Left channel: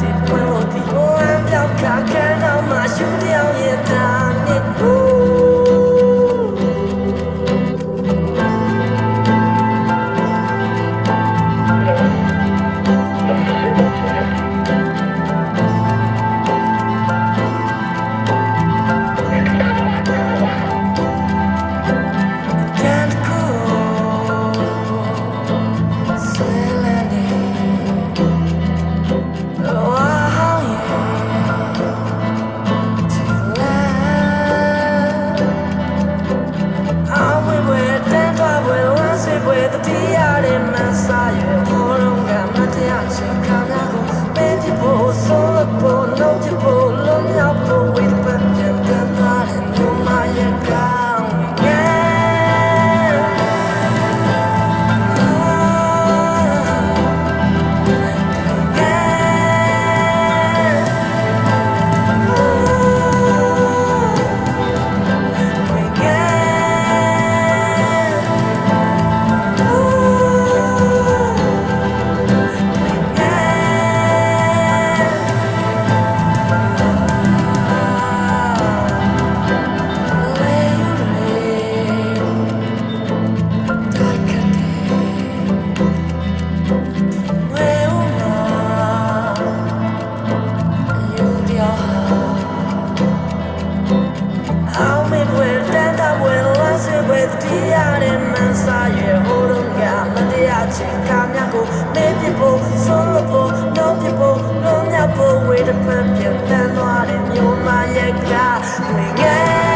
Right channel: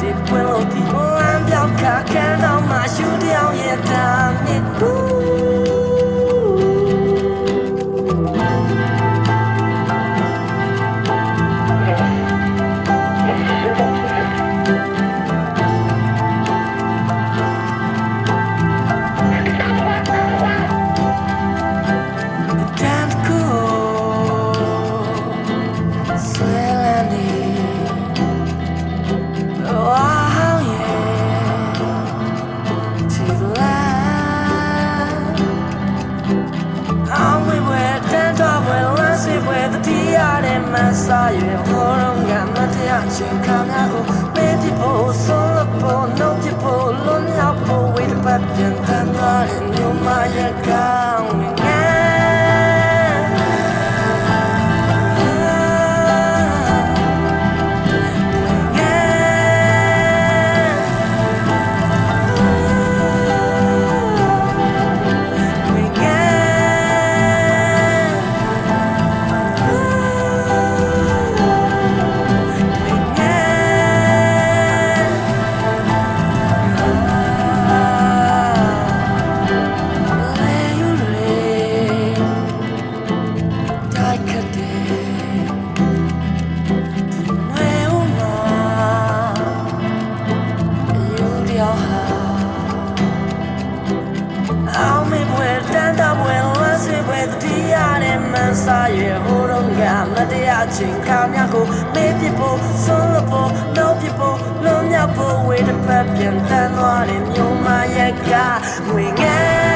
ဒီပွင့်လို့ဒီဝမ်းပြောက်ခါခန်းတော့မှရှူတောင်ရဲ့တာနဲ့ကူစာရွယ်ဟောတော့ကမတရားရှင်ခါများကိုပေးပြဖို့ဆုံးလို့ဖို့နှုတ်ပြဖို့လွန်မြောက်ဖို့ဝေးတစ်ပတ်ပြန်တန်းသွားတဲ့ညမရဲ့ကောင်းငယ်စာရွယ်ဟိုတော့ကမတရားချင်းခါများကိုမေးပြဖို့ဆုံးလို့ဖို့နှုတ်ပြဖို့လွန်မြောက်ဖို့ဝေးတစ်ဖက်ပြန်တန်းသွားတဲ့မြို့မရဲ့ကငွေငယ်